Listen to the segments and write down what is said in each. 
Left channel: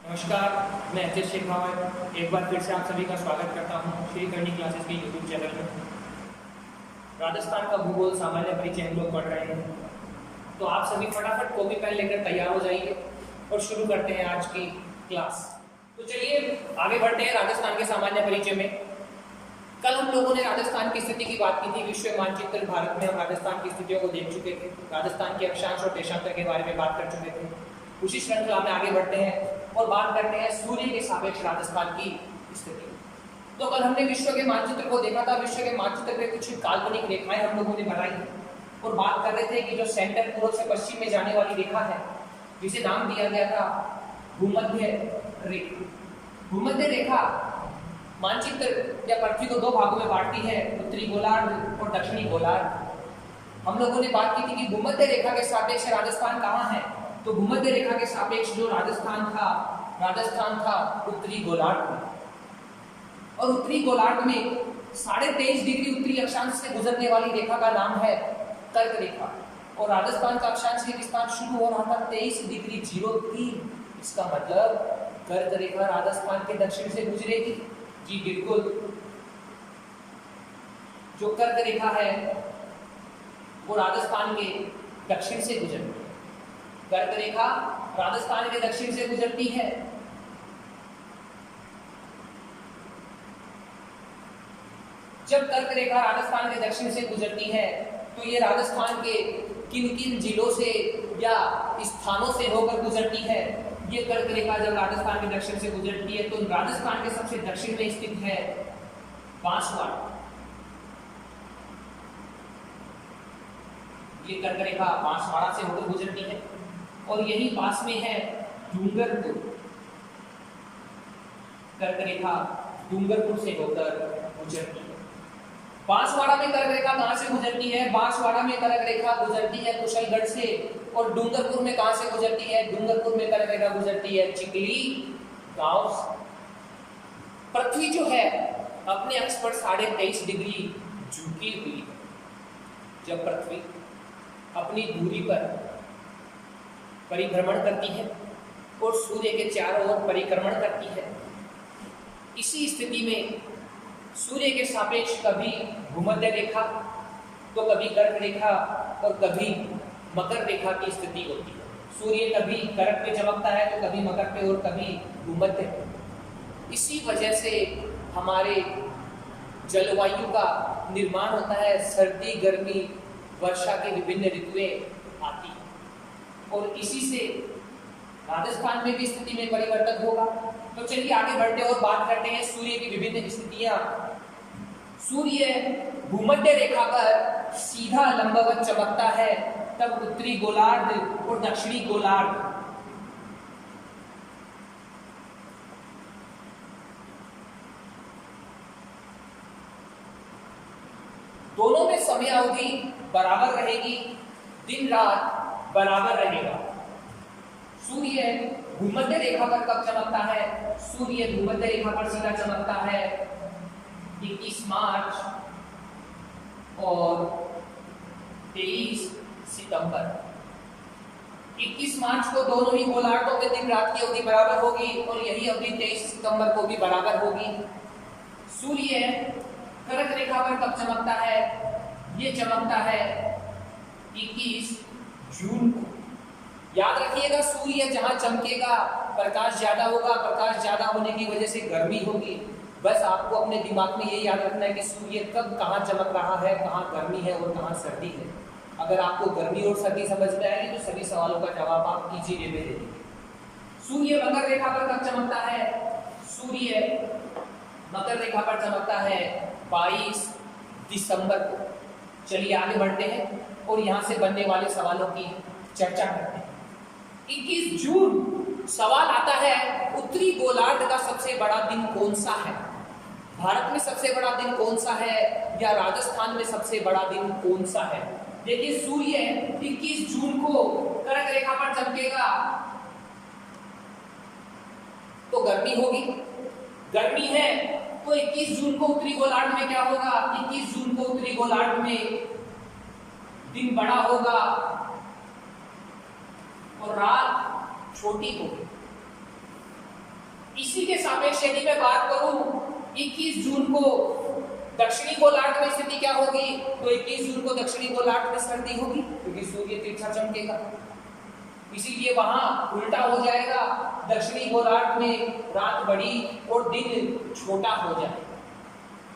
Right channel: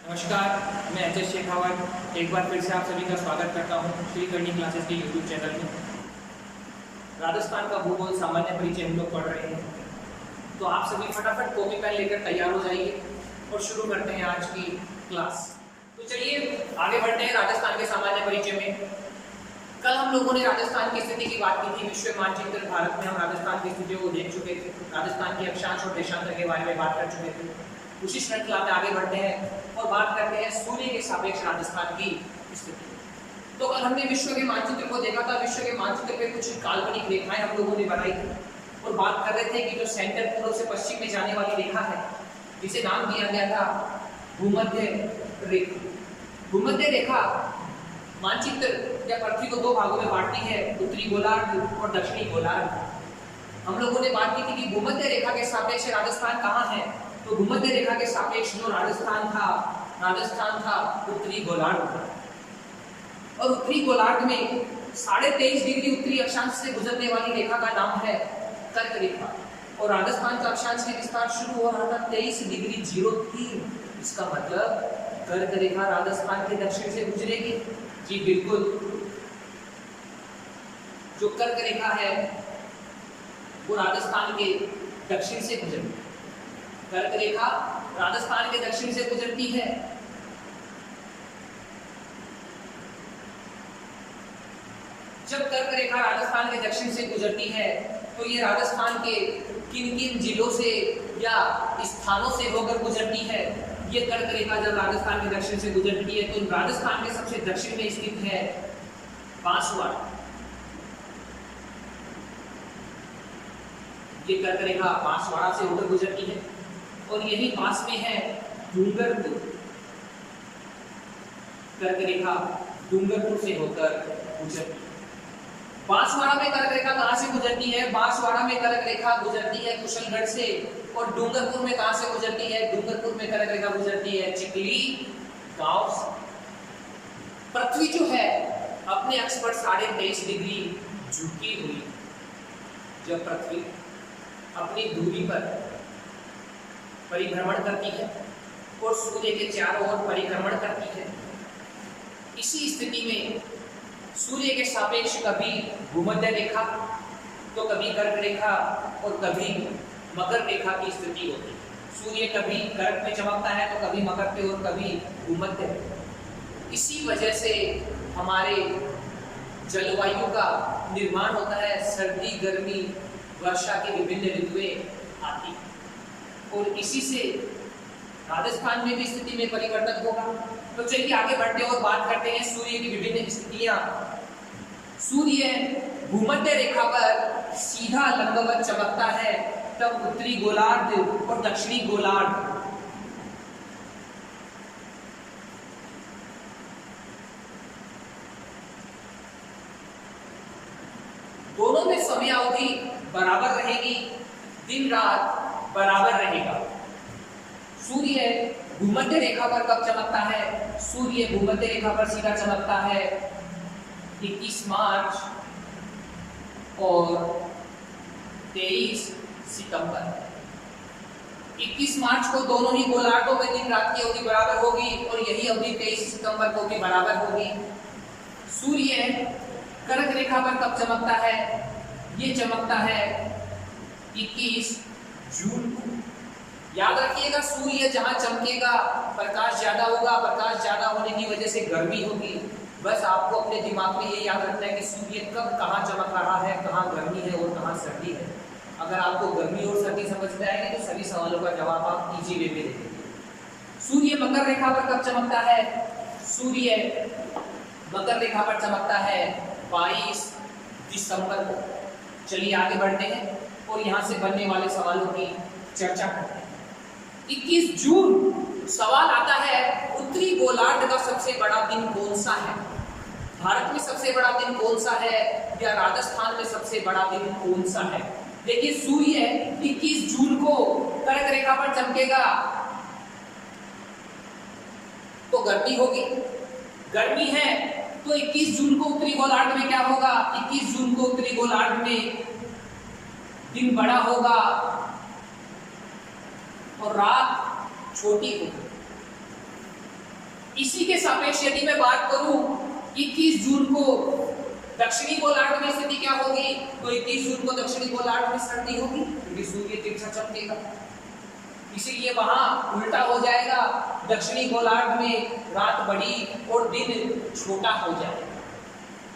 नमस्कार, मैं H S Shekhawat एक बार फिर से आप सभी का स्वागत करता हूं श्री करनी क्लासेस के यूट्यूब चैनल में। राजस्थान का भूगोल सामान्य परिचय हम लोग पढ़ रहे हैं, तो आप सभी फटाफट कॉपी पेन लेकर तैयार हो जाइए और शुरू करते हैं आज की क्लास। तो चलिए आगे बढ़ते हैं राजस्थान के सामान्य परिचय में। कल हम लोगों ने राजस्थान की स्थिति की बात की थी। विश्व मानचित्र भारत में हम राजस्थान की स्थितियों को देख चुके थे, राजस्थान के अक्षांश और देशांतर के बारे में बात कर चुके थे। उसी श्रृंखला में आगे बढ़ते हैं और बात करते हैं सूर्य के सापेक्ष राजस्थान की स्थिति। तो कल हमने विश्व के मानचित्र को देखा था। विश्व के मानचित्र पे कुछ काल्पनिक रेखाएं हम लोगों ने बनाई थी और बात कर रहे थे कि जो सेंटर पूर्व से पश्चिम में जाने वाली रेखा है, जिसे नाम दिया गया था भूमध्य रेखा। भूमध्य रेखा मानचित्र या पृथ्वी को दो भागों में बांटती है, उत्तरी गोलार्ध और दक्षिणी गोलार्ध। हम लोगों ने बात की थी कि भूमध्य रेखा के सापेक्ष राजस्थान कहाँ है। तो भूमध्य रेखा के सापेक्ष जो राजस्थान था उत्तरी गोलार्ध में। और उत्तरी गोलार्ध में 23.5 डिग्री उत्तरी अक्षांश से गुजरने वाली रेखा का नाम है कर्क रेखा। और राजस्थान का अक्षांशीय विस्तार शुरू हो रहा था 23 डिग्री 03। इसका मतलब कर्क रेखा राजस्थान के दक्षिण से गुजरेगी। जी बिल्कुल, जो कर्क रेखा है वो राजस्थान के दक्षिण से गुजरती है। कर्क रेखा राजस्थान के दक्षिण से गुजरती है। जब कर्क रेखा राजस्थान के दक्षिण से गुजरती है तो ये राजस्थान के किन किन जिलों से या स्थानों से होकर गुजरती है। ये कर्क रेखा जब राजस्थान के दक्षिण से गुजरती है तो राजस्थान के सबसे दक्षिण में स्थित है बांसवाड़ा। ये कर्क रेखा बांसवाड़ा से होकर गुजरती है और यही पास में है डूंगरपुर। कर्क रेखा डूंगरपुर से होकर गुजरती है। बांसवाड़ा में कर्क रेखा कहां से गुजरती है? बांसवाड़ा में कर्क रेखा गुजरती है कुशलगढ़ से। और डूंगरपुर में कहां से गुजरती है? डूंगरपुर में कर्क रेखा गुजरती है चिकली गांव से। पृथ्वी जो है अपने अक्ष पर 23.5 डिग्री झुकी हुई। जब पृथ्वी अपनी दूरी पर परिभ्रमण करती है और सूर्य के चारों ओर परिक्रमण करती है, इसी स्थिति में सूर्य के सापेक्ष कभी भूमध्य रेखा तो कभी कर्क रेखा और कभी मकर रेखा की स्थिति होती है। सूर्य कभी कर्क पे चमकता है तो कभी मकर पे और कभी भूमध्य पे। इसी वजह से हमारे जलवायु का निर्माण होता है। सर्दी, गर्मी, वर्षा की विभिन्न ऋतुएं आती हैं और इसी से राजस्थान में भी स्थिति में परिवर्तन होगा। तो चलिए आगे बढ़ते हैं और बात करते हैं सूर्य की विभिन्न स्थितियां। सूर्य भूमध्य रेखा पर सीधा लंबवत चमकता है तब उत्तरी गोलार्ध और दक्षिणी गोलार्ध दोनों में समय अवधि बराबर रहेगी, दिन रात बराबर रहेगा। सूर्य भूमध्य रेखा पर कब चमकता है? सूर्य भूमध्य रेखा पर सीधा चमकता है 21 मार्च और 23 सितंबर। 21 मार्च को दोनों ही गोलार्धों में दिन रात की अवधि बराबर होगी और यही अवधि 23 सितंबर को भी बराबर होगी। सूर्य कर्क रेखा पर कब चमकता है? ये चमकता है 21 जून को। याद रखिएगा, सूर्य जहां चमकेगा प्रकाश ज्यादा होगा, प्रकाश ज्यादा होने की वजह से गर्मी होगी। बस आपको अपने दिमाग में ये याद रखना है कि सूर्य कब कहाँ चमक रहा है, कहाँ गर्मी है और कहाँ सर्दी है। अगर आपको गर्मी और सर्दी समझ में आएगी तो सभी सवालों का जवाब आप इजी वे में दे देंगे। सूर्य मकर रेखा पर कब चमकता है? सूर्य मकर रेखा पर चमकता है 22 दिसंबर को। चलिए आगे बढ़ते हैं और यहाँ से बनने वाले सवालों की चर्चा करते हैं। 21 जून सवाल आता है, उत्तरी गोलार्ध का सबसे बड़ा दिन कौन सा है? भारत में सबसे बड़ा दिन कौन सा है या राजस्थान में सबसे बड़ा दिन कौन सा है? देखिए, सूर्य 21 जून को कर्क रेखा पर चमकेगा तो गर्मी होगी। गर्मी है तो 21 जून को उत्तरी गोलार्ध में क्या होगा? 21 जून को उत्तरी गोलार्ध में दिन बड़ा होगा और रात छोटी होगी। इसी के सापेक्ष यदि मैं बात करूं 21 जून को दक्षिणी गोलार्ध में स्थिति क्या होगी, तो 21 जून को दक्षिणी गोलार्ध में सर्दी होगी क्योंकि सूर्य तिरछा चमकेगा, इसीलिए वहां उल्टा हो जाएगा। दक्षिणी गोलार्ध में रात बड़ी और दिन छोटा हो जाएगा।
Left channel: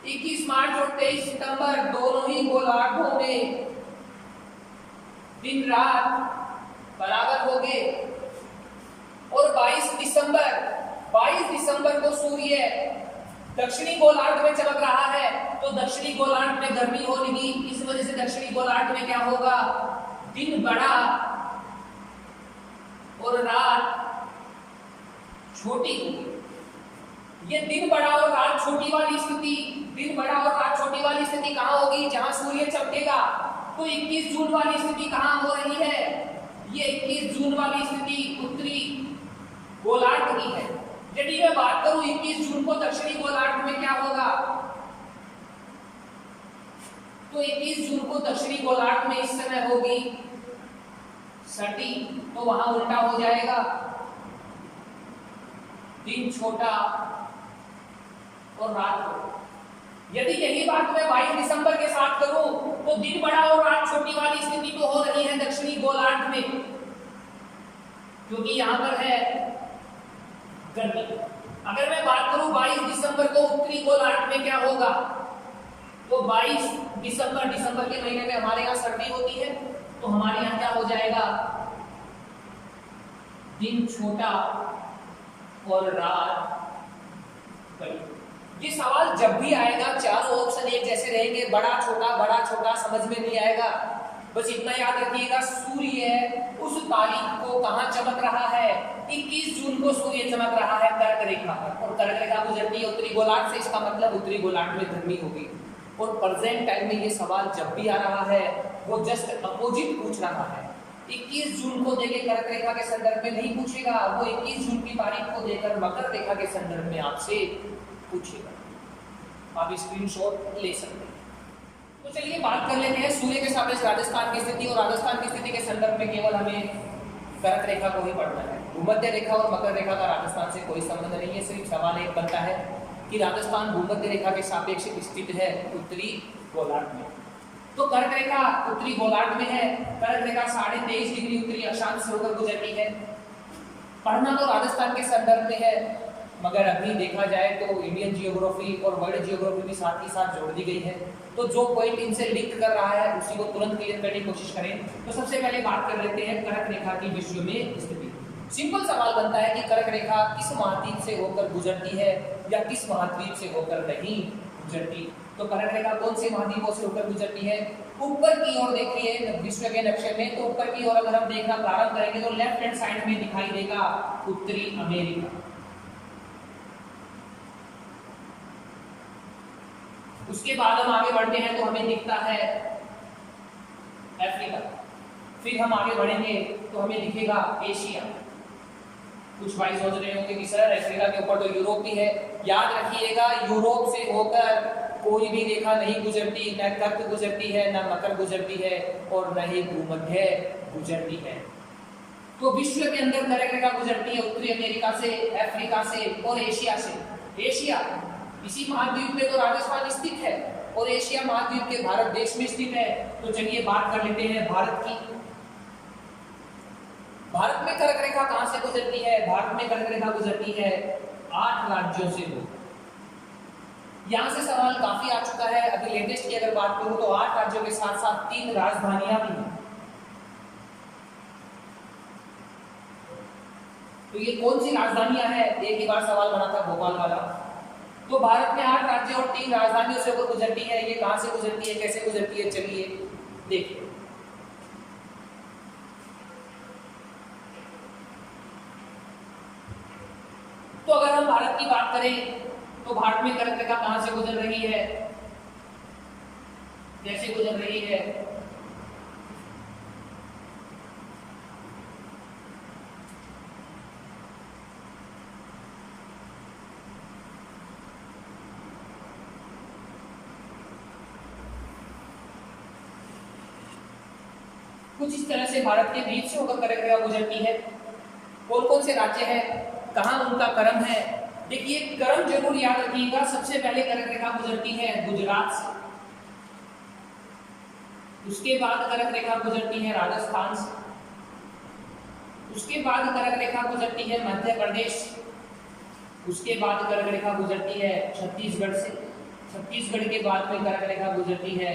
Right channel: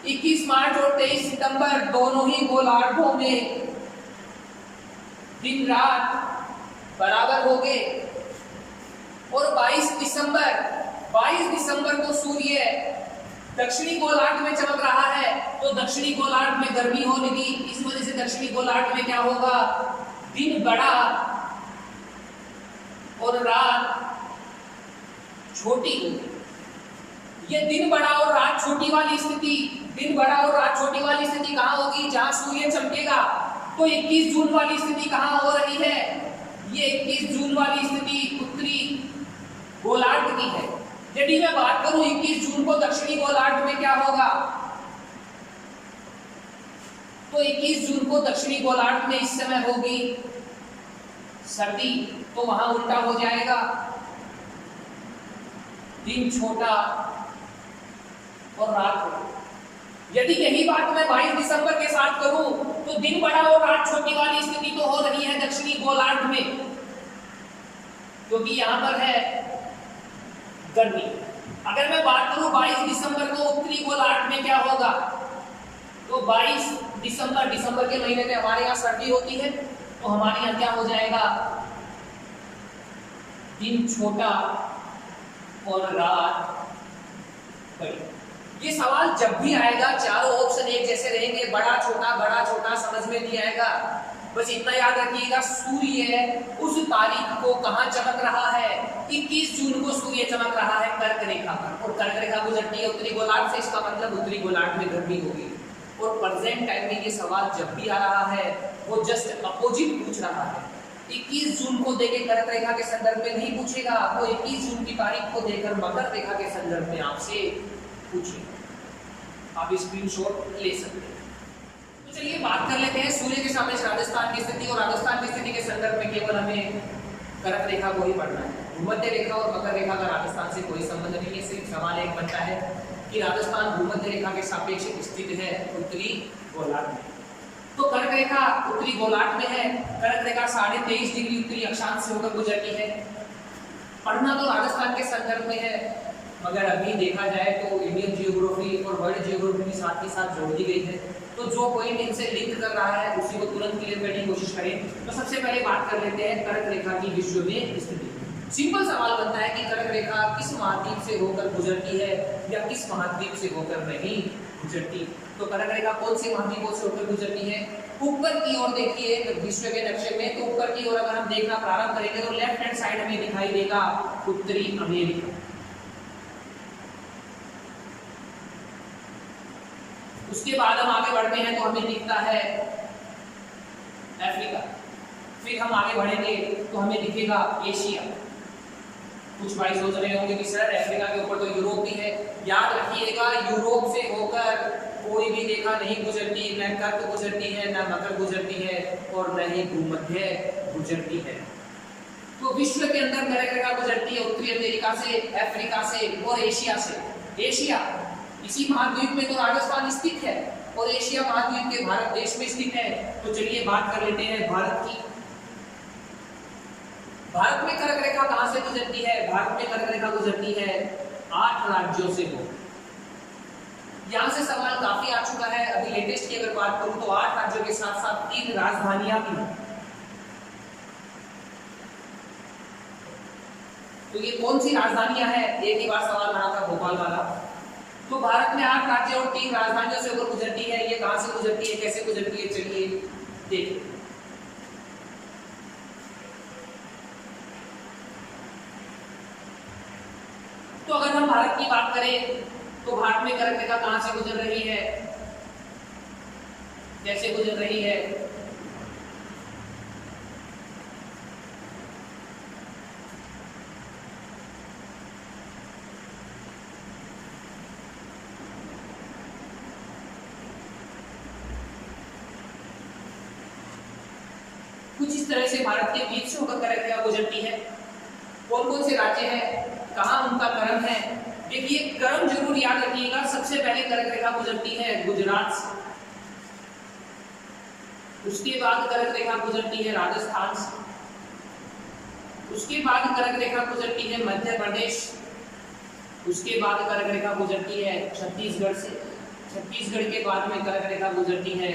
21 मार्च और 23 सितंबर दोनों ही गोलार्धों में दिन रात बराबर होंगे और 22 दिसंबर को सूर्य दक्षिणी गोलार्ध में चमक रहा है, तो दक्षिणी गोलार्ध में गर्मी होगी, इस वजह से दक्षिणी गोलार्ध में क्या होगा, दिन बड़ा और रात छोटी होगी। ये दिन बड़ा और रात छोटी वाली स्थिति, दिन बड़ा और रात छोटी वाली स्थिति कहाँ होगी, जहां सूर्य चमकेगा। तो 21 जून वाली स्थिति कहाँ हो रही है, ये 21 जून वाली स्थिति उत्तरी गोलार्ध की है। यदि मैं बात करूं 21 जून को दक्षिणी गोलार्ध में क्या होगा, तो 21 जून को दक्षिणी गोलार्ध में इस समय होगी सर्दी, तो वहां उल्टा हो जाएगा, दिन छोटा और रात हो। यदि यही बात मैं 22 दिसंबर के साथ करूं तो दिन बड़ा और रात छोटी वाली स्थिति तो हो रही है दक्षिणी गोलार्ध में, क्योंकि यहां पर है गर्मी। अगर मैं बात करूं 22 दिसंबर को उत्तरी गोलार्ध में क्या होगा, तो 22 दिसंबर के महीने में हमारे यहाँ सर्दी होती है, तो हमारे यहाँ क्या हो जाएगा, दिन छोटा और रात बड़ी। ये सवाल जब भी आएगा चारों ऑप्शन एक जैसे रहेंगे, बड़ा छोटा समझ में नहीं आएगा। बस इतना याद रखिएगा, सूर्य उस तारीख को कहां चमक रहा है, 21 जून को सूर्य चमक रहा है कर्क रेखा पर, और कर्क रेखा गुजरती है उत्तरी गोलार्ध से, इसका मतलब उत्तरी गोलार्ध में गर्मी होगी। और प्रेजेंट टाइम में ये सवाल जब भी आ रहा है वो जस्ट अपोजिट पूछ रहा है। 21 जून को देके कर्क रेखा के संदर्भ में नहीं पूछेगा, वो 21 जून की तारीख को देकर मकर रेखा के संदर्भ में आपसे पूछेगा। आप स्क्रीनशॉट ले सकते हैं। तो चलिए बात कर लेते हैं सूर्य के सापेक्ष राजस्थान की स्थिति, और राजस्थान की स्थिति के संदर्भ में केवल हमें कर्क रेखा को ही पढ़ना है। भूमध्य रेखा और मकर रेखा का राजस्थान से कोई संबंध नहीं है। सिर्फ सवाल एक बनता है कि राजस्थान भूमध्य रेखा के सापेक्ष स्थित है उत्तरी गोलार्ध में, तो कर्क रेखा उत्तरी गोलार्ध में है। कर्क रेखा 23.5 डिग्री उत्तरी अक्षांश से होकर गुजरती है। पढ़ना तो राजस्थान के संदर्भ में है, मगर अभी देखा जाए तो इंडियन जियोग्राफी और वर्ल्ड जियोग्राफी भी साथ ही साथ जोड़ दी गई है, तो जो पॉइंट इनसे लिंक कर रहा है उसी को तुरंत क्लियर करने की कोशिश करें। तो सबसे पहले बात कर लेते हैं कर्क रेखा की विश्व में स्थिति। सिंपल सवाल बनता है कि कर्क रेखा किस महाद्वीप से होकर गुजरती है या किस महाद्वीप से होकर नहीं गुजरती। तो कर्क रेखा कौन से महाद्वीपों से होकर गुजरती है, ऊपर की ओर देखिए विश्व के नक्शे में, तो ऊपर की ओर अगर हम देखना प्रारंभ करेंगे तो लेफ्ट हैंड साइड में दिखाई देगा उत्तरी अमेरिका, उसके बाद हम आगे बढ़ते हैं तो हमें दिखता है अफ्रीका, फिर हम आगे बढ़ेंगे तो हमें दिखेगा एशिया। कुछ भाई सोच रहे होंगे कि सर अफ्रीका के ऊपर तो यूरोप भी है। याद रखिएगा यूरोप से होकर कोई भी रेखा नहीं गुजरती, न कर्क गुजरती है, न मकर गुजरती है और न ही भूमध्य गुजरती है। तो विश्व के अंदर कर्क रेखा गुजरती है उत्तरी अमेरिका से, अफ्रीका से और एशिया से। एशिया इसी महाद्वीप में तो राजस्थान स्थित है और एशिया महाद्वीप के भारत देश में स्थित है। तो चलिए बात कर लेते हैं भारत की। भारत में कर्क रेखा कहां से गुजरती है, भारत में कर्क रेखा गुजरती है 8 राज्यों से हो। यहां से सवाल काफी आ चुका है। अभी लेटेस्ट की अगर बात करूं तो 8 राज्यों के साथ साथ 3 राजधानियां भी हैं। तो ये कौन सी राजधानियां हैं, एक ही बार सवाल बना था भोपाल वाला। तो भारत में 8 राज्य और 3 राजधानियों से होकर गुजरती है। ये कहां से गुजरती है, कैसे गुजरती है, चलिए देखिए। तो अगर हम भारत की बात करें तो भारत में कर्क रेखा कहां से गुजर रही है, कैसे गुजर रही है। कुछ इस तरह से भारत के बीच से होकर कर्क रेखा गुजरती है। कौन कौन से राज्य हैं, कहाँ उनका क्रम है, देखिए क्रम जरूर याद रखिएगा, सबसे पहले कर्क रेखा गुजरती है गुजरात से, उसके बाद कर्क रेखा गुजरती है राजस्थान से, उसके बाद कर्क रेखा गुजरती है मध्य प्रदेश, उसके बाद कर्क रेखा गुजरती है छत्तीसगढ़ से, छत्तीसगढ़ के बाद में कर्क रेखा गुजरती है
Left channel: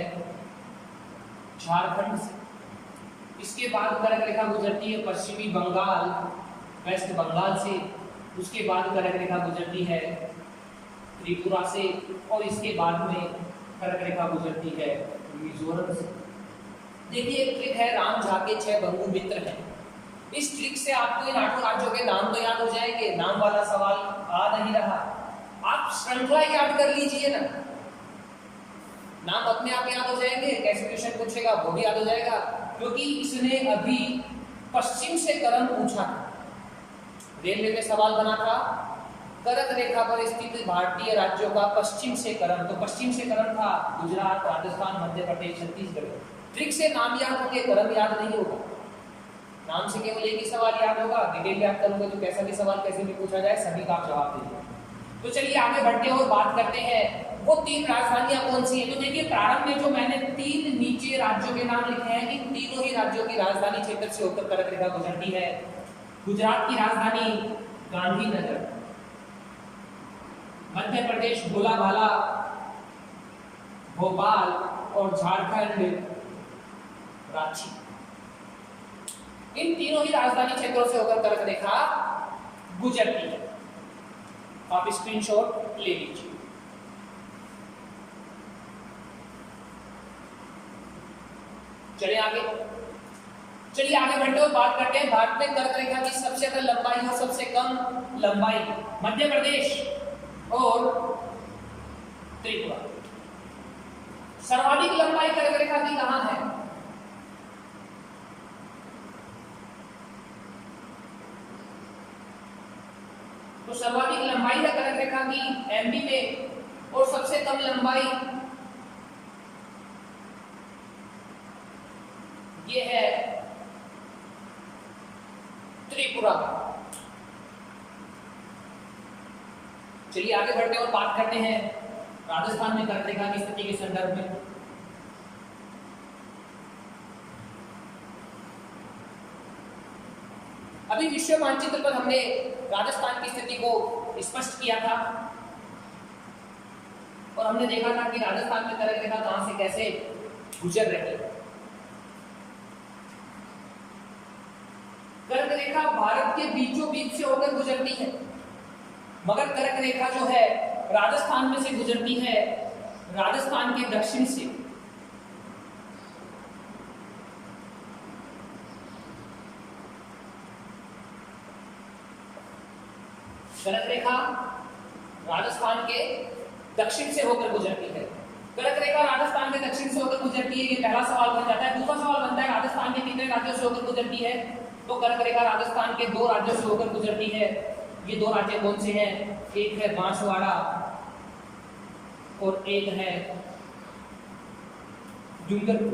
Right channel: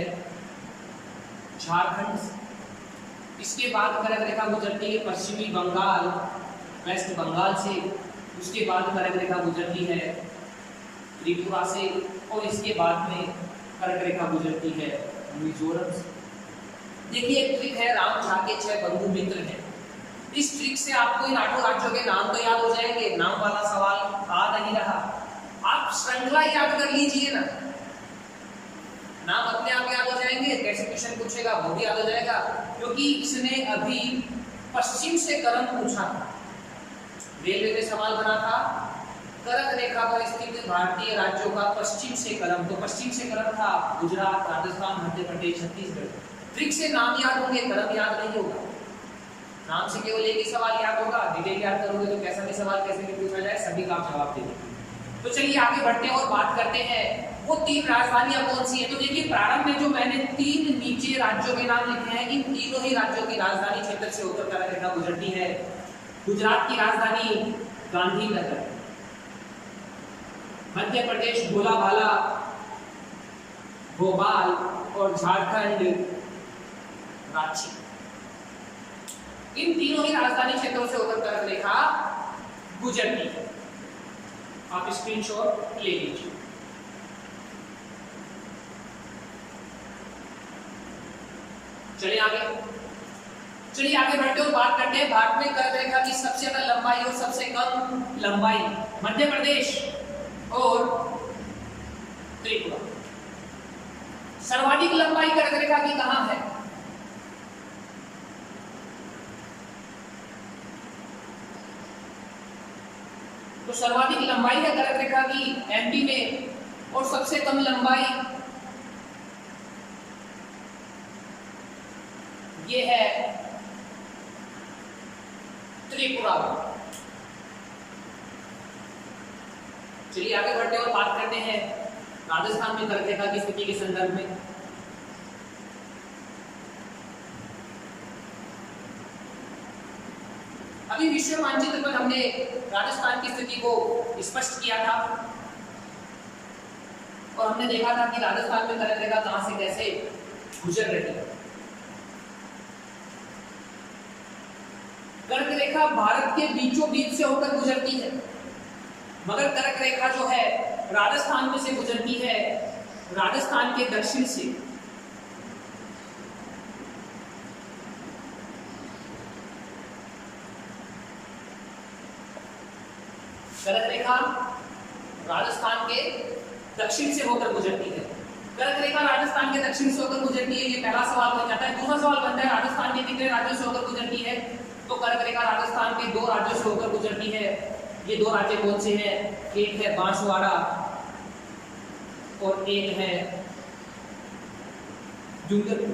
झारखंड से, इसके बाद कर्क रेखा गुजरती है पश्चिमी बंगाल वेस्ट बंगाल से, उसके बाद कर्क रेखा गुजरती है त्रिपुरा से, और इसके बाद में कर्क रेखा गुजरती है मिजोरम से। देखिए एक ट्रिक है, राम झा के 6 बंधु मित्र हैं, इस ट्रिक से आपको इन 8 राज्यों के नाम तो याद हो जाएंगे, नाम वाला सवाल आ नहीं रहा, आप श्रृंखला याद कर लीजिए ना, नाम अपने आप याद हो जाएंगे, कैसे क्वेश्चन पूछेगा वो भी याद हो जाएगा, क्योंकि इसने अभी पश्चिम से क्रम पूछा था, रेलवे में सवाल बना था कर्क रेखा पर स्थित भारतीय राज्यों का पश्चिम से क्रम, तो पश्चिम से क्रम था गुजरात, राजस्थान, मध्य प्रदेश, छत्तीसगढ़। ट्रिक से नाम याद होंगे, क्रम याद नहीं होगा, नाम से केवल एक ही सवाल याद होगा, डिटेल याद करोगे तो कैसा भी सवाल कैसे भी पूछा जाए सभी का आप जवाब देंगे। तो चलिए आगे बढ़ते हैं और बात करते हैं वो 3 राजधानियां कौन सी हैं। तो देखिए प्रारंभ में जो मैंने 3 नीचे राज्यों के नाम लिखे हैं, इन तीनों ही राज्यों की राजधानी क्षेत्र से होकर कर्क रेखा गुजरती है। गुजरात की राजधानी गांधीनगर, मध्य प्रदेश भोलाभाला, भोपाल, और झारखंड रांची। इन तीनों ही राजधानी क्षेत्रों से होकर कर्क रेखा गुजरती है। आप स्क्रीनशॉट ले लीजिए। चलिए आगे बढ़ते और बात करते हैं भारत में कर्क रेखा की सबसे ज्यादा लंबाई और सबसे कम लंबाई मध्य प्रदेश और त्रिपुरा। सर्वाधिक लंबाई कर्क रेखा की कहां है? तो सर्वाधिक लंबाई है कर्क रेखा की एमपी में, और सबसे कम लंबाई ये है त्रिपुरा। चलिए आगे बढ़ते हैं और बात करते हैं राजस्थान में कर्क रेखा की स्थिति के संदर्भ में। अभी विश्व मानचित्र पर हमने राजस्थान की स्थिति को स्पष्ट किया था और हमने देखा था कि राजस्थान में कर्क रेखा कहां से कैसे गुजर रही है। कर्क रेखा भारत के बीचों बीच से होकर गुजरती है, मगर कर्क रेखा जो है राजस्थान में से गुजरती है, राजस्थान के दक्षिण से। कर्क रेखा राजस्थान के दक्षिण से होकर गुजरती है। कर्क रेखा राजस्थान के दक्षिण से होकर गुजरती है, ये पहला सवाल बन जाता है। दूसरा सवाल बनता है राजस्थान के कितने राज्यों से होकर गुजरती है? तो कर्क रेखा राजस्थान के 2 राज्यों से होकर गुजरती है। ये 2 राज्य कौन से हैं? एक है बांसवाड़ा और एक है डूंगरपुर।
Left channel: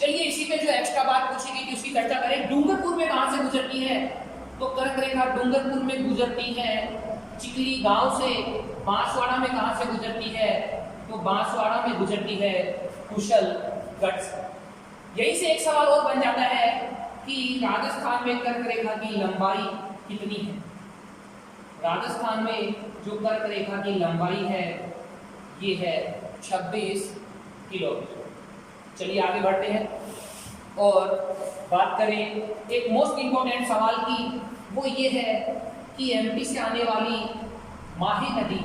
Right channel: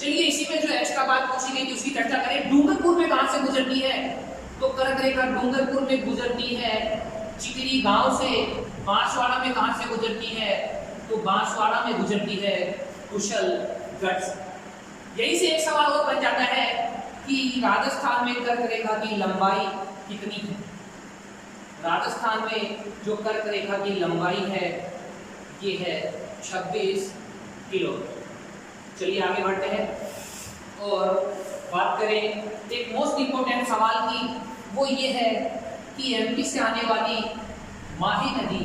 चलिए इसी में जो एक्स्ट्रा बात पूछी गई थी उसकी चर्चा करें। डूंगरपुर में कहां से गुजरती है? तो कर्क रेखा डूंगरपुर में गुजरती है चिकली गांव से। बांसवाड़ा में कहां से गुजरती है? तो बांसवाड़ा में गुजरती है कुशलगढ़ से। यही से एक सवाल और बन जाता है कि राजस्थान में कर्क रेखा की लंबाई कितनी है? राजस्थान में जो कर्क रेखा की लंबाई है ये है 26 किलोमीटर। चलिए आगे बढ़ते हैं और बात करें एक मोस्ट इंपोर्टेंट सवाल की, वो ये है कि एमपी से आने वाली माही नदी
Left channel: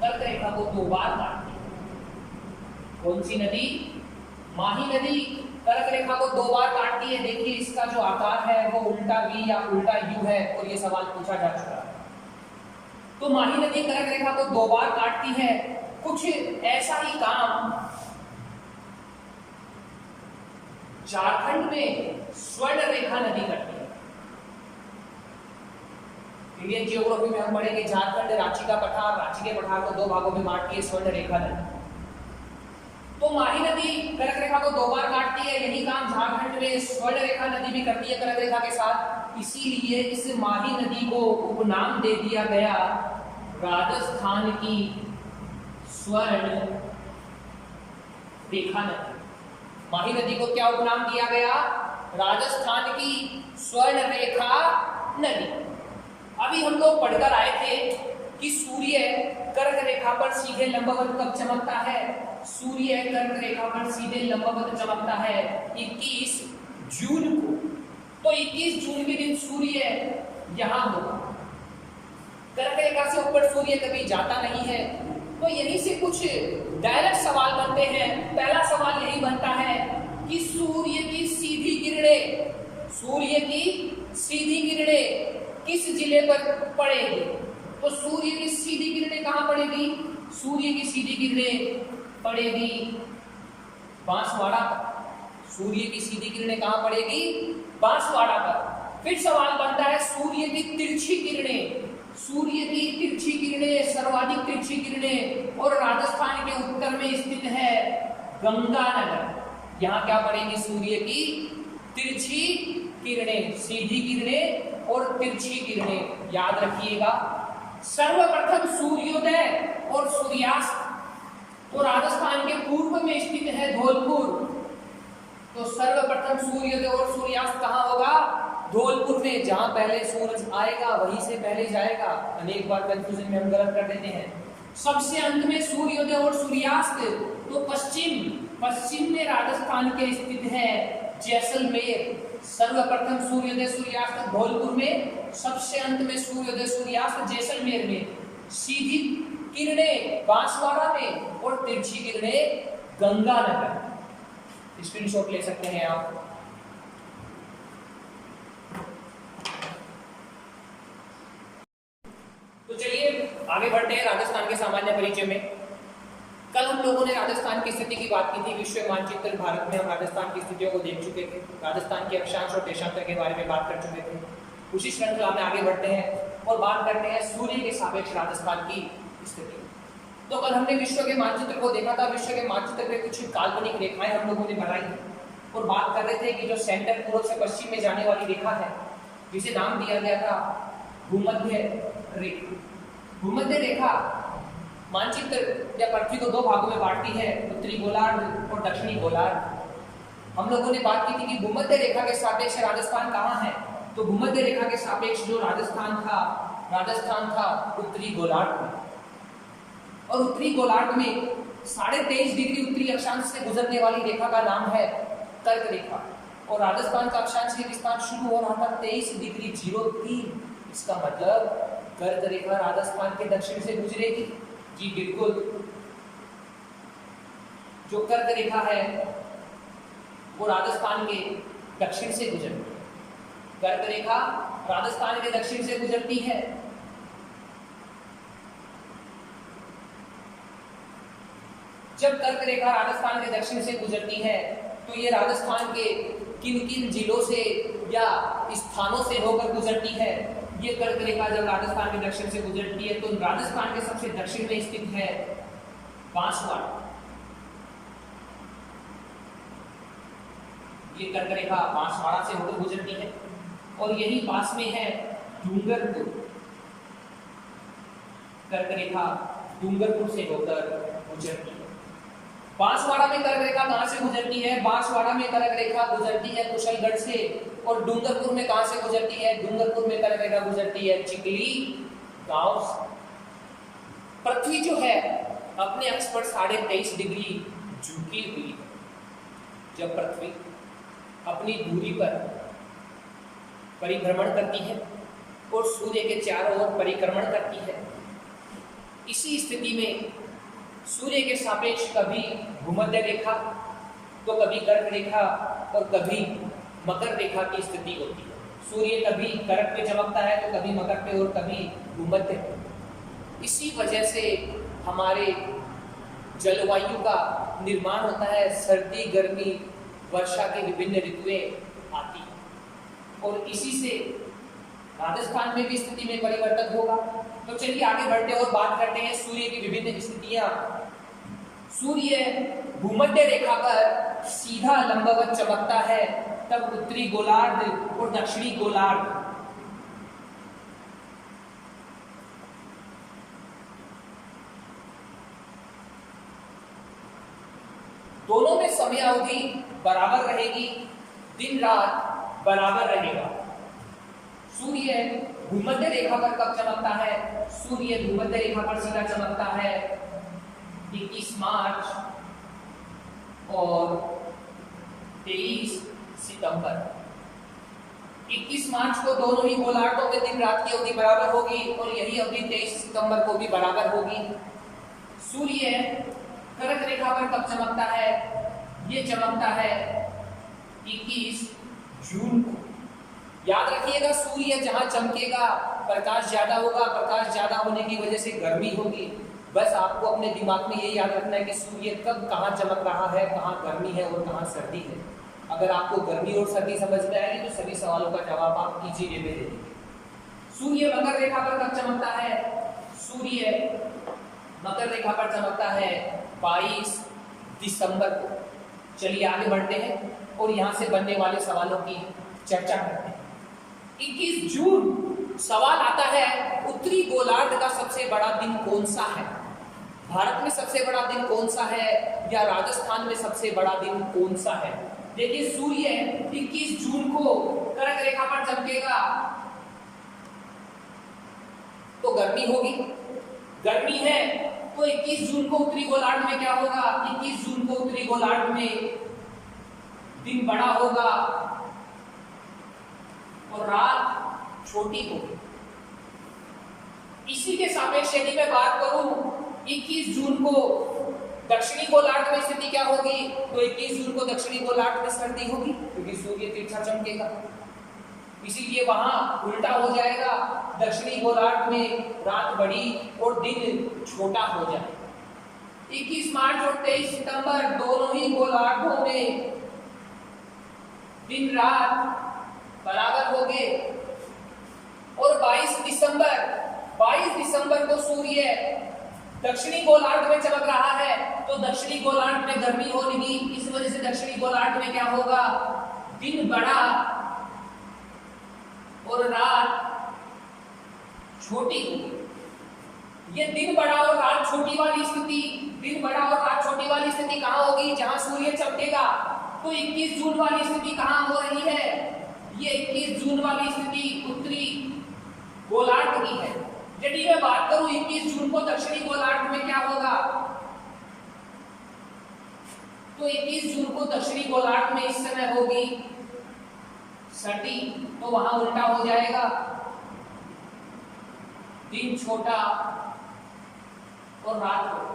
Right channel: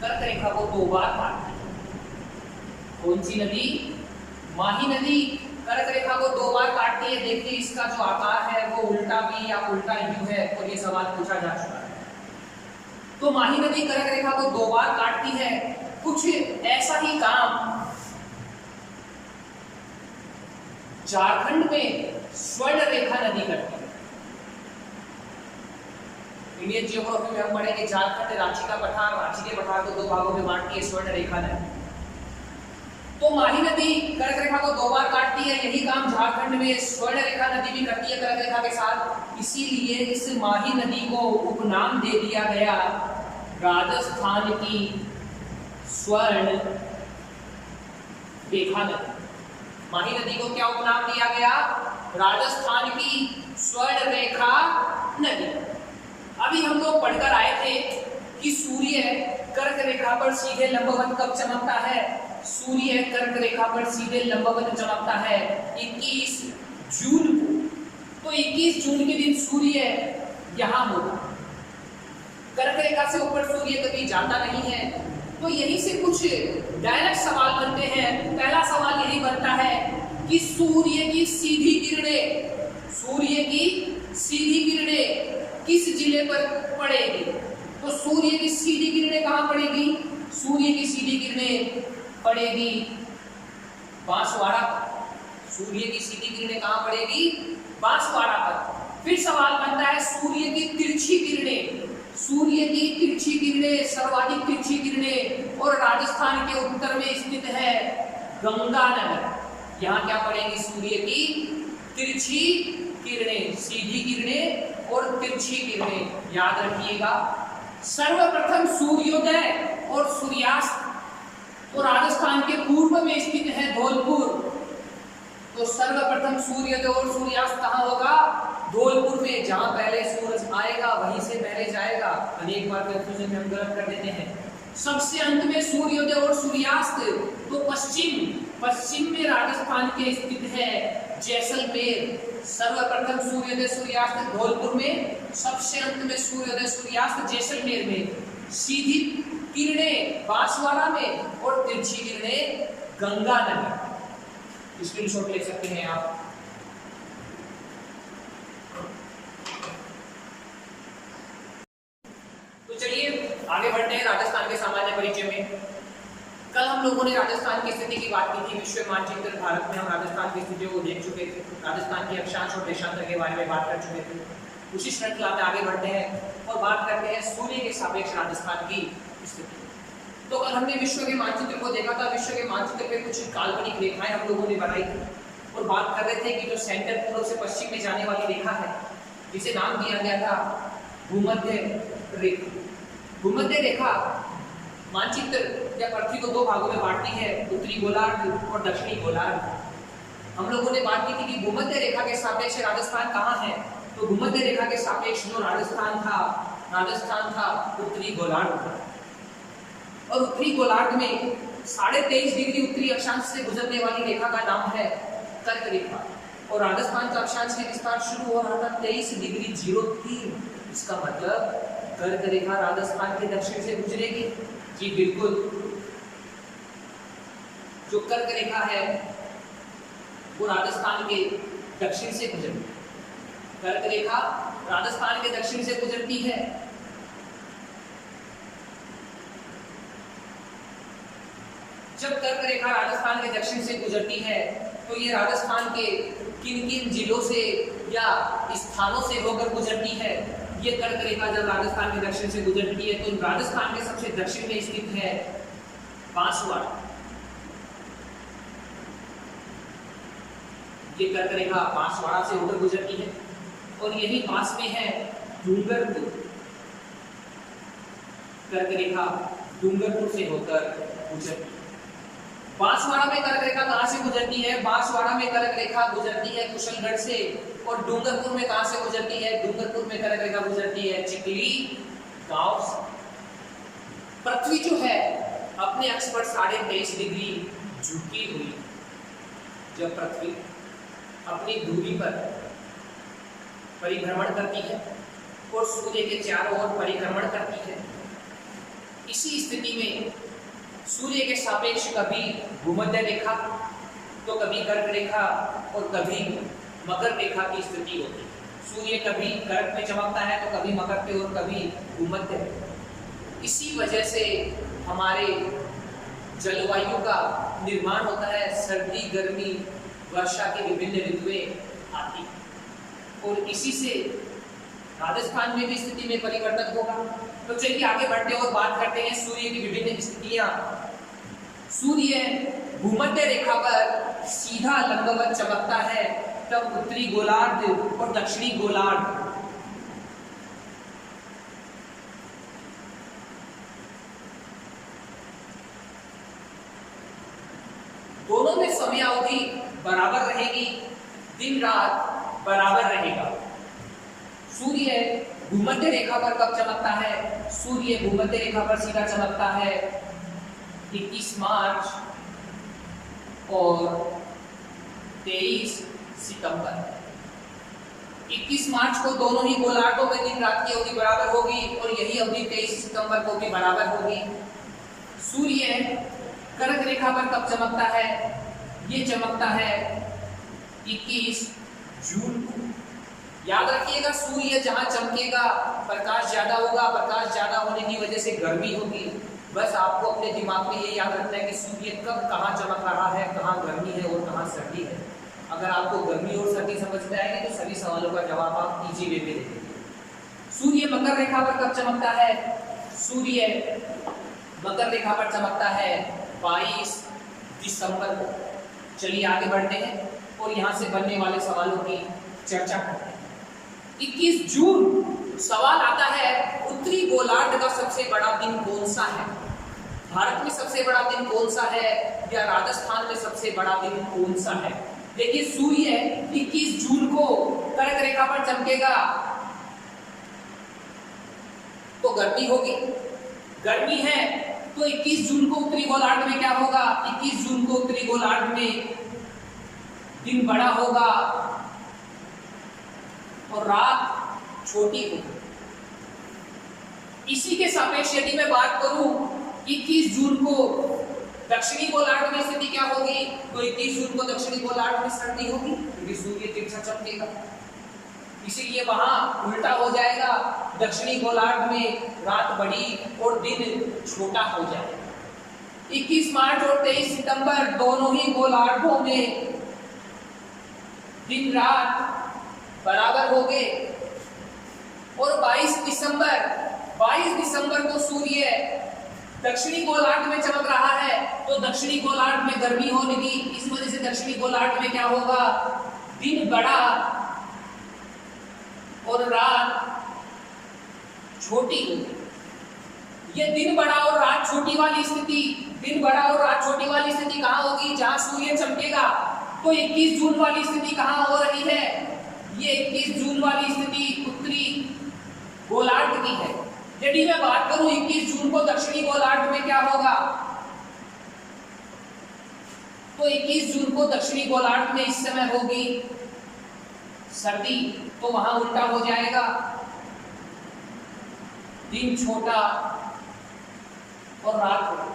कर्क रेखा को 2 बार काटती है। कौन सी नदी? माही नदी कर्क रेखा को 2 बार काटती है। देखिए इसका जो आकार है वो उल्टा वी या उल्टा यू है और ये सवाल पूछा जा चुका है। तो माही नदी कर्क रेखा को 2 बार काटती है। कुछ ऐसा ही काम झारखंड में स्वर्ण रेखा नदी करती है। इंडियन जियोग्राफी में हम पढ़ेंगे झारखंड रांची का पठार, रांची के पठार को 2 भागों में बांटती है स्वर्ण रेखा नदी। तो माही नदी कर्क रेखा को 2 बार काटती है। यही काम झारखंड में स्वर्ण रेखा नदी भी करती है कर्क रेखा के साथ। इसीलिए इस माही नदी को उपनाम दे दिया गया राजस्थान की स्वर्ण रेखा नदी। माही नदी को क्या उपनाम दिया गया? राजस्थान की स्वर्ण रेखा नदी। अभी हम लोग पढ़कर आए थे कि सूर्य कर्क रेखा पर सीधे लंबवत कब चमकता है? सूर्य कर्क रेखा पर सीधे लंबवत चमकता है 21 जून को। तो 21 जून के दिन सूर्य यहां होगा। कर्क रेखा से ऊपर सूर्य कभी जाता नहीं है। तो यहीं से कुछ डायरेक्ट सवाल बनते हैं। पहला सवाल यही बनता है कि सूर्य की सीधी किरणें किस जिले पर पड़ेगी? तो सूर्य की सीधी किरणें कहां पड़ेगी? सूर्य की सीधी किरणें पड़ेगी बांसवाड़ा पर। सूर्य की सीधी किरणें कहां पड़ेगी? बांसवाड़ा पर। फिर सवाल बनता है सूर्य की तिरछी किरणें, सर्वाधिक तिरछी किरणें और राजस्थान के उत्तर में स्थित है गंगानगर। यहाँ क्या पड़ेगी? सूर्य की तिरछी किरणें, सीधी किरणें और तिरछी किरणें। याद रखिएगा, सर्वप्रथम सूर्योदय और सूर्यास्त तो राजस्थान के पूर्व में स्थित है धौलपुर। तो सर्वप्रथम सूर्योदय और सूर्यास्त कहाँ होगा? धौलपुर में। जहां पहले सूरज आएगा वहीं से पहले जाएगा। अनेक बार कंफ्यूजन में हम गलत कर देते हैं। सबसे अंत में सूर्योदय और सूर्यास्त तो पश्चिम में राजस्थान के स्थित है जैसलमेर। सर्वप्रथम सूर्योदय सूर्यास्त धौलपुर में, सबसे अंत में सूर्योदय सूर्यास्त जैसलमेर में। सीधी किरणें बांसवाड़ा में और तिरछी किरणें गंगानगर। स्क्रीनशॉट ले सकते हैं आप। तो चलिए आगे बढ़ते हैं राजस्थान के सामान्य परिचय में। कल हम लोगों ने राजस्थान की स्थिति की बात की थी। विश्व मानचित्र भारत में हम राजस्थान की स्थितियों को देख चुके थे। राजस्थान के अक्षांश और देशांतर के बारे में बात कर चुके थे। उसी श्रृंखला में आगे बढ़ते हैं और बात करते हैं सूर्य के सापेक्ष राजस्थान की स्थिति। तो कल हमने विश्व के मानचित्र को देखा था। विश्व के मानचित्र पे कुछ काल्पनिक रेखाएं हम लोगों ने बनाई और बात कर रहे थे कि जो सेंटर पूर्व से पश्चिम में जाने वाली रेखा है, जिसे नाम दिया गया था भूमध्य रेखा। भूमध्य रेखा मानचित्र या पृथ्वी को दो भागों में बांटती है, उत्तरी गोलार्ध और दक्षिणी गोलार्ध। हम लोगों ने बात की थी कि भूमध्य रेखा के सापेक्ष राजस्थान कहाँ है? तो भूमध्य रेखा के सापेक्ष जो राजस्थान था उत्तरी गोलार्ध। और उत्तरी गोलार्ध में 23.5 डिग्री उत्तरी अक्षांश से गुजरने वाली रेखा का नाम है कर्क रेखा। और राजस्थान का अक्षांशीय विस्तार शुरू हो रहा था 23 डिग्री 03। इसका मतलब कर्क रेखा राजस्थान के दक्षिण से गुजरेगी। जी बिल्कुल, जो कर्क रेखा है वो राजस्थान के दक्षिण से गुजरती है। कर्क रेखा राजस्थान के दक्षिण से गुजरती है। जब कर्क रेखा राजस्थान के दक्षिण से गुजरती है तो ये राजस्थान के किन किन जिलों से या स्थानों से होकर गुजरती है? ये कर्क रेखा जब राजस्थान के दक्षिण से गुजरती है तो राजस्थान के सबसे दक्षिण में स्थित है बांसवाड़ा। ये कर्क रेखा बांसवाड़ा से होकर गुजरती है और यही पास में है डूंगरपुर। कर्क रेखा डूंगरपुर से होकर गुजरती है। बांसवाड़ा में कर्क रेखा कहां से गुजरती है? बांसवाड़ा में कर्क रेखा गुजरती है कुशलगढ़ से। और डूंगरपुर में कहां से गुजरती है? डूंगरपुर में कर्क रेखा गुजरती है चिकली गांव से। पृथ्वी जो है अपने अक्ष पर 23.5 डिग्री झुकी हुई। जब पृथ्वी अपनी दूरी पर परिभ्रमण करती है और सूर्य के चारों ओर परिक्रमण करती है, इसी स्थिति में सूर्य के सापेक्ष कभी भूमध्य रेखा तो कभी कर्क रेखा और कभी मकर रेखा की स्थिति होती है। सूर्य कभी कर्क पे चमकता है तो कभी मकर पे और कभी भूमध्य पे। इसी वजह से हमारे जलवायु का निर्माण होता है। सर्दी, गर्मी, वर्षा की विभिन्न ऋतुएं आती हैं और इसी से राजस्थान में भी स्थिति में परिवर्तन होगा। तो चलिए आगे बढ़ते हैं और बात करते हैं सूर्य की विभिन्न स्थितियां। सूर्य भूमध्य रेखा पर सीधा लंबवत चमकता है तब उत्तरी गोलार्ध और दक्षिणी गोलार्ध दोनों में समय अवधि बराबर रहेगी, दिन रात बराबर रहेगा। सूर्य भूमध्य रेखा पर कब चमकता है? सूर्य भूमध्य रेखा पर सीधा चमकता है 21 मार्च और 23 सितंबर। 21 मार्च को दोनों ही गोलार्धों में दिन रात की अवधि बराबर होगी और यही अवधि 23 सितंबर को भी बराबर होगी। सूर्य कर्क रेखा पर कब चमकता है? ये चमकता है 21 जून को। याद रखिएगा, सूर्य जहां चमकेगा प्रकाश ज्यादा होगा, प्रकाश ज्यादा होने की वजह से गर्मी होगी। बस आपको अपने दिमाग में ये याद रखना है कि सूर्य कब कहाँ चमक रहा है, कहाँ गर्मी है और कहाँ सर्दी है। अगर आपको गर्मी और सर्दी समझ में आएगी तो सभी सवालों का जवाब आप इजी वे में दे देंगे। सूर्य मकर रेखा पर कब चमकता है? सूर्य मकर रेखा पर चमकता है 22 दिसंबर को। चलिए आगे बढ़ते हैं और यहाँ से बनने वाले सवालों की चर्चा करते हैं। 21 जून सवाल आता है, उत्तरी गोलार्ध का सबसे बड़ा दिन कौन सा है? भारत में सबसे बड़ा दिन कौन सा है या राजस्थान में सबसे बड़ा दिन कौन सा है? देखिए, सूर्य 21 जून को कर्क रेखा पर चमकेगा तो गर्मी होगी। गर्मी है तो 21 जून को उत्तरी गोलार्ध में क्या होगा? 21 जून को उत्तरी गोलार्ध में दिन बड़ा होगा और रात छोटी होगी। इसी के सापेक्ष यदि मैं बात करूं 21 जून को दक्षिणी गोलार्ध में स्थिति क्या होगी? तो 21 जून को दक्षिणी गोलार्ध में सर्दी होगी क्योंकि सूर्य तिरछा चमकेगा। इसीलिए वहां उल्टा हो जाएगा, दक्षिणी गोलार्ध में रात बड़ी और दिन छोटा हो जाएगा। 21 मार्च और 23 सितंबर दोनों ही गोलार्धों में दिन रात बराबर होंगे और 22 दिसंबर को सूर्य दक्षिणी गोलार्ध में चमक रहा है तो दक्षिणी गोलार्ध में गर्मी होगी। इस वजह से दक्षिणी गोलार्ध में क्या होगा? दिन बड़ा और रात छोटी होगी। ये दिन बड़ा और रात छोटी वाली स्थिति, दिन बड़ा और रात छोटी वाली स्थिति कहाँ होगी? जहां सूर्य चमकेगा। तो 21 जून वाली स्थिति कहाँ हो रही है? ये 21 जून वाली स्थिति उत्तरी गोलार्ध की है। यदि मैं बात करूं 21 जून को दक्षिणी गोलार्ध में क्या होगा? तो 21 जून को दक्षिणी गोलार्ध में इस समय होगी सर्दी, तो वहां उल्टा हो जाएगा, दिन छोटा और रात बड़ी।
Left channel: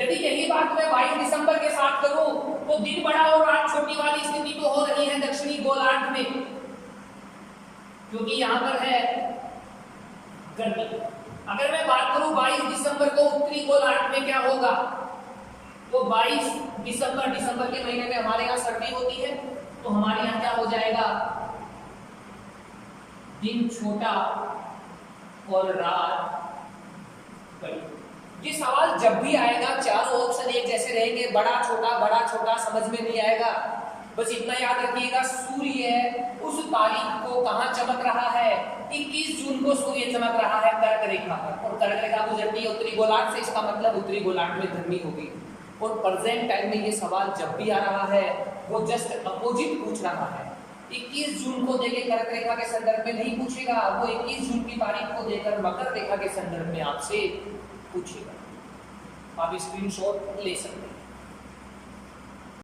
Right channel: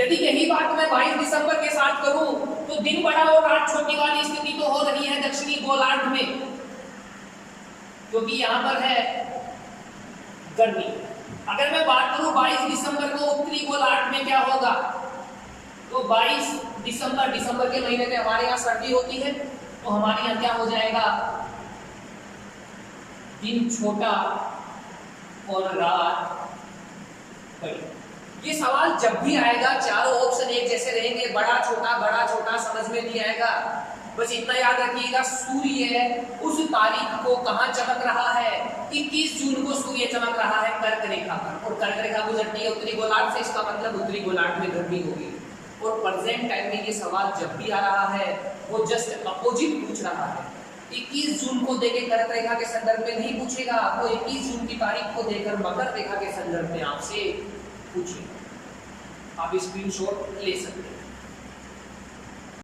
यदि यही बात मैं 22 दिसंबर के साथ करूं तो दिन बड़ा और रात छोटी वाली स्थिति तो हो रही है दक्षिणी गोलार्ध में, क्योंकि यहां पर है गर्मी। अगर मैं बात करूं 22 दिसंबर को उत्तरी गोलार्ध में क्या होगा? तो 22 दिसंबर के महीने में हमारे यहाँ सर्दी होती है, तो हमारे यहाँ क्या हो जाएगा? दिन छोटा और रात बड़ी। ये सवाल जब भी आएगा चारों ऑप्शन एक जैसे रहेंगे, बड़ा छोटा समझ में नहीं आएगा। बस इतना याद रखिएगा, सूर्य उस तारीख को कहां चमक रहा है? 21 जून को सूर्य चमक रहा है कर्क रेखा पर, और कर्क रेखा गुजरती है उत्तरी गोलार्ध से। इसका मतलब उत्तरी गोलार्ध में गर्मी होगी। और प्रेजेंट टाइम में ये सवाल जब भी आ रहा है वो जस्ट अपोजिट पूछ रहा है। 21 जून को देके कर्क रेखा के संदर्भ में नहीं पूछेगा, वो 21 जून की तारीख को देकर मकर रेखा के संदर्भ में आपसे पूछेगा। आप स्क्रीनशॉट ले सकते हैं।